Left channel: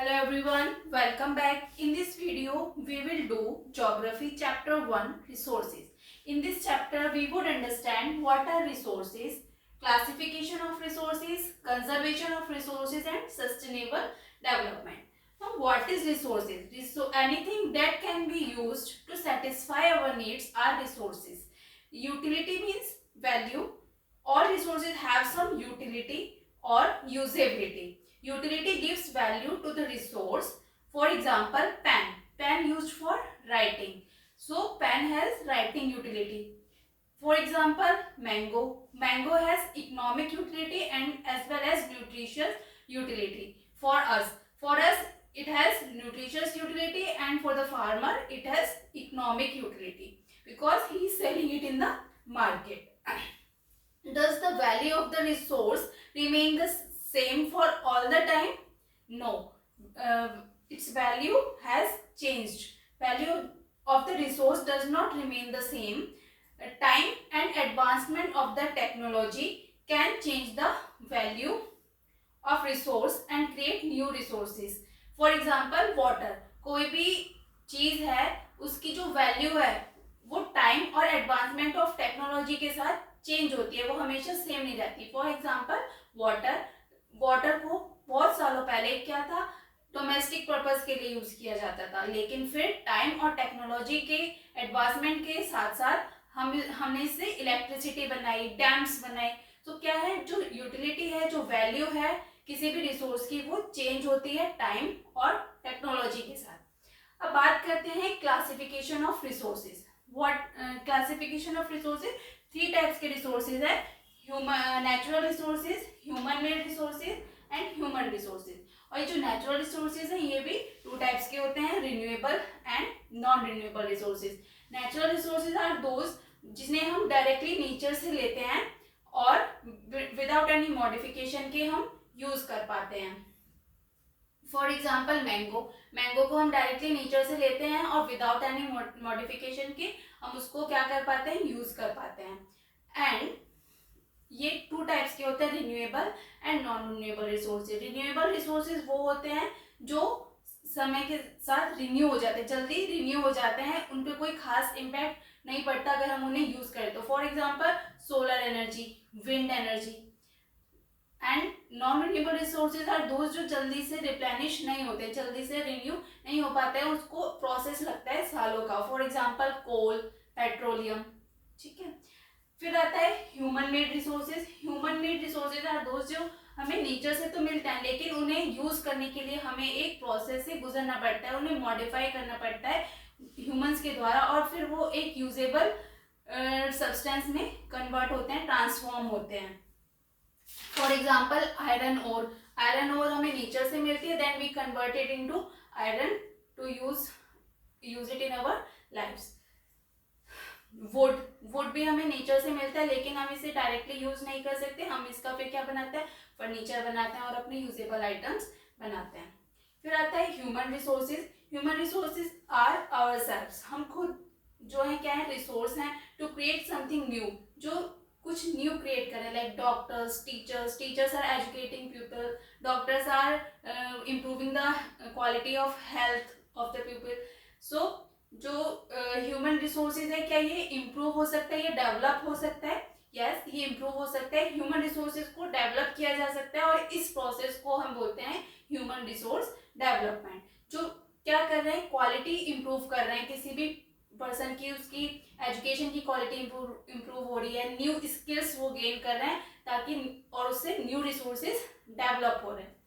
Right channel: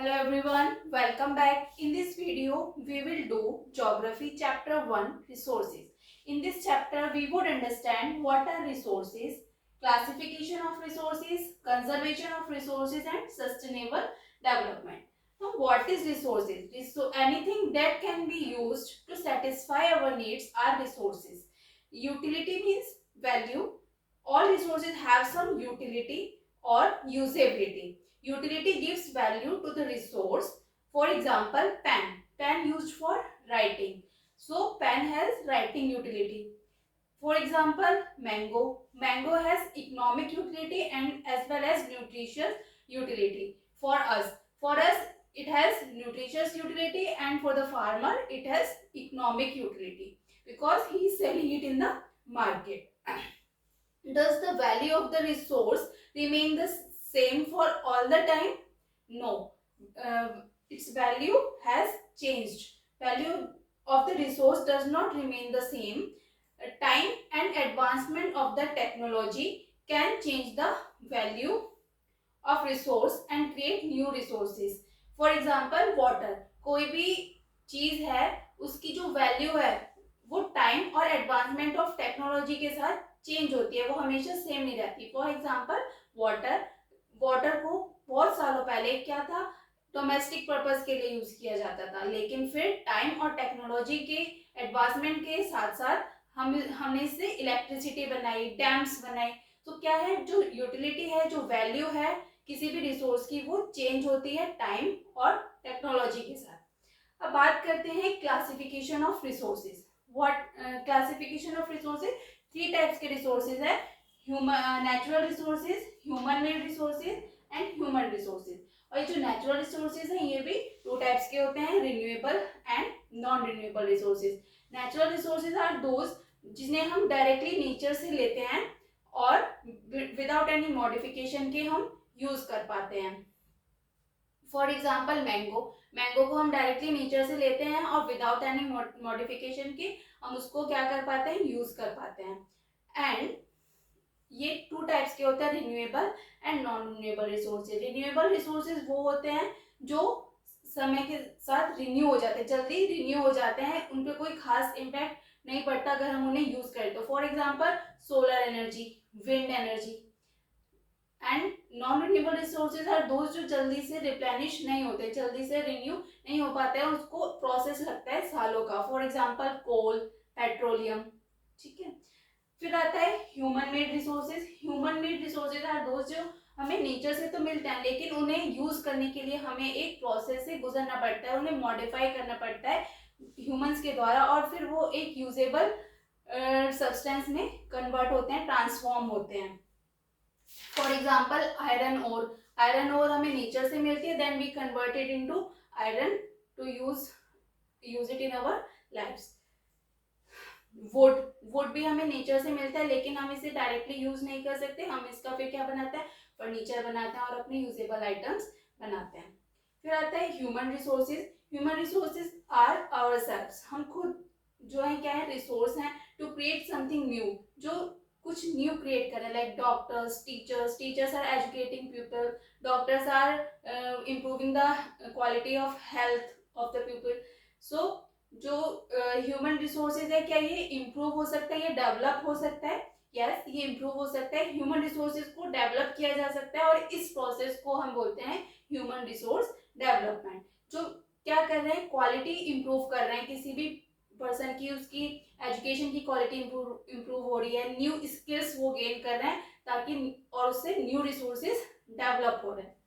Hello everyone, welcome back. In this video, we will do Geography Chapter 1 Resources. In this chapter, we would understand what are resources, classification of resources, conservation of resources and sustainable development. Now, what is resources? Anything that can be used to satisfy our needs are resources. Utility means value. All resources have some utility or usability. Utility gives value to the resource. For example, pen. Pen used for writing. So, pen has writing utility. For example, mango. Mango has economic utility and as well as nutritious utility for us. For us, it has nutritious utility and for the farmer, it has economic utility because he is selling it in the market. Does the value of the resource remain the same for all the time? No. Its value has changed. Value of the resource does not remain the same. Time and advancement of the technology can change the value of resource and create new resources. For example, water. कोई भी चीज है उसकी जो value है वो time और advancement of technology के साथ चेंज होती है, वो हमेशा सेम नहीं रहती. For example water. वाटर को बहुत सालों पहले क्या था, डोमेस्टिक पर्पस के लिए यूज किया जाता था, लेकिन फिर टाइम और टेक्नोलॉजी के एडवांसमेंट के साथ साथ हमने इससे इलेक्ट्रिसिटी बनाई, डैम्स बनाए. तो क्या है, जो यूटिलिटी है, जो वैल्यू है किसी भी रिसोर्स की, वो चेंज होती है टाइम और टेक्नोलॉजी के साथ. अब बात करते हैं classification of resources. What classification of resources, 3 types के रिसोर्सेज है. Natural resources, human made resources and human resources. और ये जो नेचुरल रिसोर्सेज हैं ये भी 2 टाइप्स के होते हैं, renewable and non renewable resources. Natural resources are those जिन्हें हम डायरेक्टली नेचर से लेते हैं और विदाउट एनी मॉडिफिकेशन के हम यूज कर पाते हैं. For example mango. मैंगो को हम डायरेक्टली नेचर से लेते हैं और विदाउट एनी मॉडिफिकेशन के हम उसको क्या कर पाते हैं, यूज कर पाते हैं. एंड ये 2 टाइप्स के होते हैं, renewable and non renewable resources. Renewable resources वो होते हैं जो समय के साथ रिन्यू हो जाते हैं, जल्दी रिन्यू हो जाते हैं, उन पर कोई खास इम्पैक्ट नहीं पड़ता अगर हम उन्हें यूज करें तो. For example solar energy, wind energy. And non renewable resources are those जो जल्दी से रिप्लेनिश नहीं होते, जल्दी से रिन्यू नहीं हो पाते हैं, उसको प्रोसेस लगता है सालों का. For example coal, petroleum. ठीक है. फिर आता है human made resources. Human made resources are those जो हमें नेचर से तो मिलते हैं लेकिन उन्हें यूज करने के लिए हमें एक प्रोसेस से गुजरना पड़ता है, उन्हें मॉडिफाई करना पड़ता है ह्यूमंस के द्वारा और फिर वो एक यूजेबल सब्सटेंस में कन्वर्ट होते हैं, ट्रांसफॉर्म होते हैं. For example iron ore. Iron ore हमें नेचर से मिलती है, then we converted into iron to use it in our lifes. Wood भी हमें नेचर से मिलता है लेकिन हम इसे डायरेक्टली यूज नहीं कर सकते, हम इसका फिर क्या बनाते हैं, फर्नीचर बनाते हैं और अपने यूजेबल आइटम्स बनाते हैं. फिर आता है human resources. Human resources are ourselves. हम खुद जो है क्या है, रिसोर्स हैं टू क्रिएट समथिंग न्यू, जो कुछ न्यू क्रिएट करें. Like doctors, teachers. Teachers are educating people, doctors are improving the quality of health of the people. So जो ह्यूमन रिसोर्सेज है, क्या ये इम्प्रूव हो सकता है, ये डेवलप हो सकता है? यस, ये इम्प्रूव हो सकता है. ह्यूमन रिसोर्सेज को डेवलप किया जा सकता है और इस प्रोसेस को हम बोलते हैं ह्यूमन रिसोर्स डेवलपमेंट. जो क्या कर रहे हैं, क्वालिटी इम्प्रूव कर रहे हैं किसी भी पर्सन की, उसकी एजुकेशन की क्वालिटी इम्प्रूव हो रही है, न्यू स्किल्स वो गेन कर रहे हैं ताकि और उससे न्यू रिसोर्सेज डेवलप हो रहे हैं.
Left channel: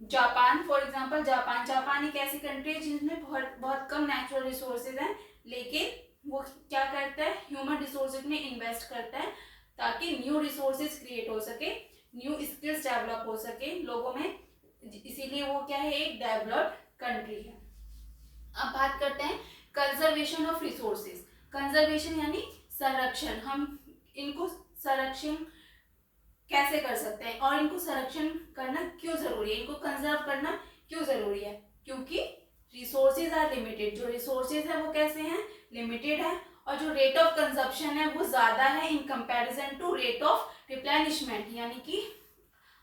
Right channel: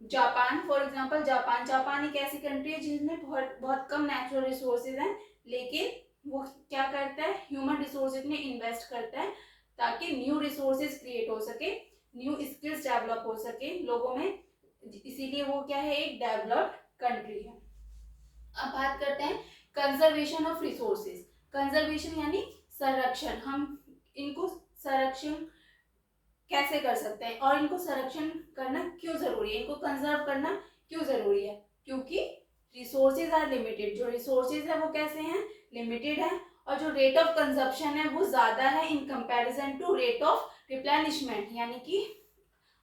जापान. फॉर एग्जांपल जापान एक ऐसी कंट्री है जिसमें बहुत कम नेचुरल रिसोर्सेज हैं लेकिन वो क्या करता है, ह्यूमन रिसोर्सेज में इन्वेस्ट करता है ताकि न्यू रिसोर्सेज क्रिएट हो सके, न्यू स्किल्स डेवलप हो सके लोगों में, इसीलिए वो क्या है, एक डेवलप्ड कंट्री है. अब बात करते हैं कंजर्वेशन ऑफ रिसोर्सेज. कंजर्वेशन यानी संरक्षण. हम इनको संरक्षण कैसे कर सकते हैं और इनको संरक्षण करना क्यों जरूरी है, इनको कंजर्व करना क्यों जरूरी है? क्योंकि रिसोर्सेज आर लिमिटेड. जो रिसोर्सेज है वो कैसे हैं, लिमिटेड है और जो रेट ऑफ कंजप्शन है वो ज्यादा है in comparison to rate of replenishment. यानी कि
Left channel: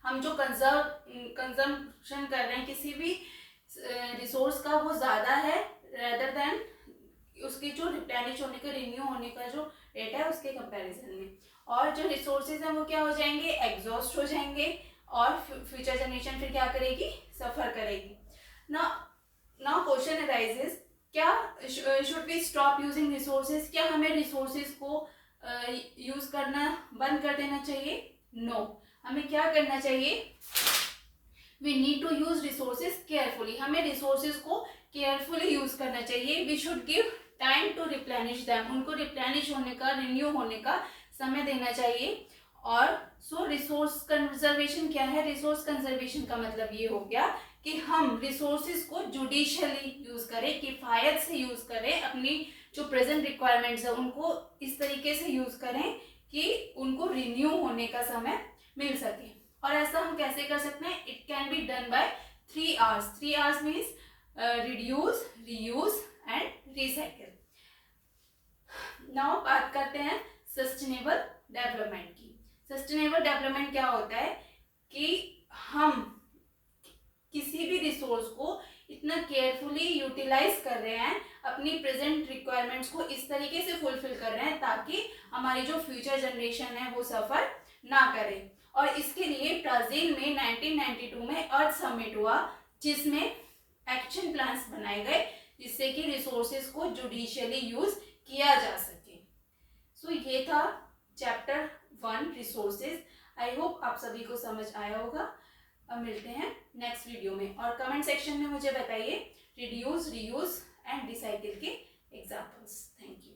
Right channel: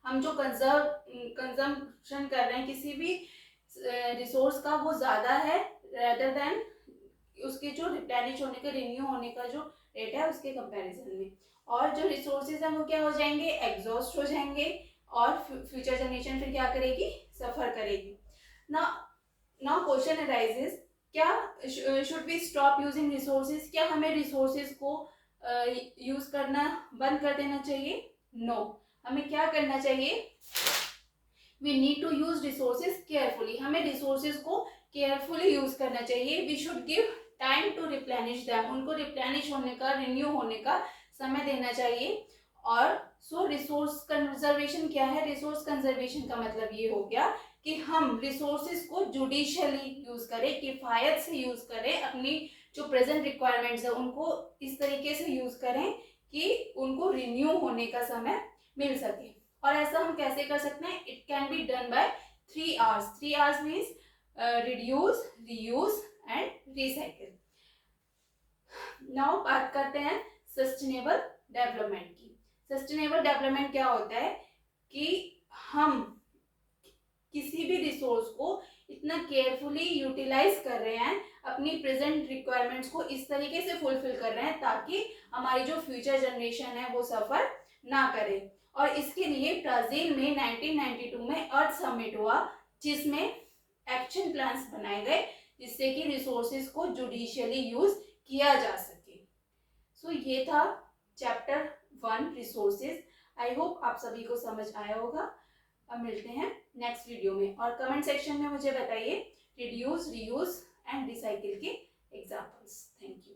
हम जो कंजम्पशन कर रहे हैं किसी भी रिसोर्स का वो ज़्यादा है रेदर देन उसके जो रिप्लेनिश होने का, रिन्यू होने का जो रेट है उसके कंपैरिजन में। और जो रिसोर्सेज हैं वो क्या हो जाएंगे, एग्जॉस्ट हो जाएंगे और फ्यूचर जनरेशन फिर क्या करेगी, सफ़र करेगी। नाउ क्वेश्चन अराइजेस, क्या should we stop using resources, क्या हमें रिसोर्सेज को यूज़ करना बंद कर देना चाहिए? नो, हमें क्या करना चाहिए, we need to use resources carefully, हमें रिसोर्सेज को केयरफुली यूज करना चाहिए। We should give time to replenish them, उनको रिप्लेनिश होने का, रिन्यू होने का समय देना चाहिए। और सो रिसोर्स कंजर्वेशन क्या है, रिसोर्स कंजर्वेशन का मतलब ये हो गया कि हम रिसोर्सेज को जुडिशियली यूज करें, किफायत से यूज करें, अपनी जो प्रेजेंट रिक्वायरमेंट्स है उनको इस तरीके से यूज करें कि उनको रिन्यू होने का समय मिल सके। और ऐसा हम कैसे कर सकते हैं, it can be done by 3 R's। 3 R's means reduce, reuse and recycle. Now बात करते हैं सस्टेनेबल डेवलपमेंट की। सस्टेनेबल डेवलपमेंट क्या होता है कि हम किसी भी रिसोर्स को इतना केयरफुली यूटिलाइज कर रहे हैं, अपनी प्रेजेंट रिक्वायरमेंट्स को इस तरीके से फुलफिल कर रहे हैं ताकि हमारी जो फ्यूचर जनरेशन है वो सफ़र ना करे। और इसके लिए ब्राज़ील में 1992 में अर्थ समिट हुआ जिसमें एक्शन प्लान्स बनाए गए जिससे कि रिसोर्सेज को जुडिशियली यूज किया जा सके। सो ये था चैप्टर 1 रिसोर्सेज। आई होप आप सभी को समझ आया होगा। अब मिलते हैं नेक्स्ट वीडियो में और कमेंट सेक्शन में मुझे बताइए रिड्यूस, रीयूज एंड रिसाइकिल के एग्जाम्पल्स। Thank you.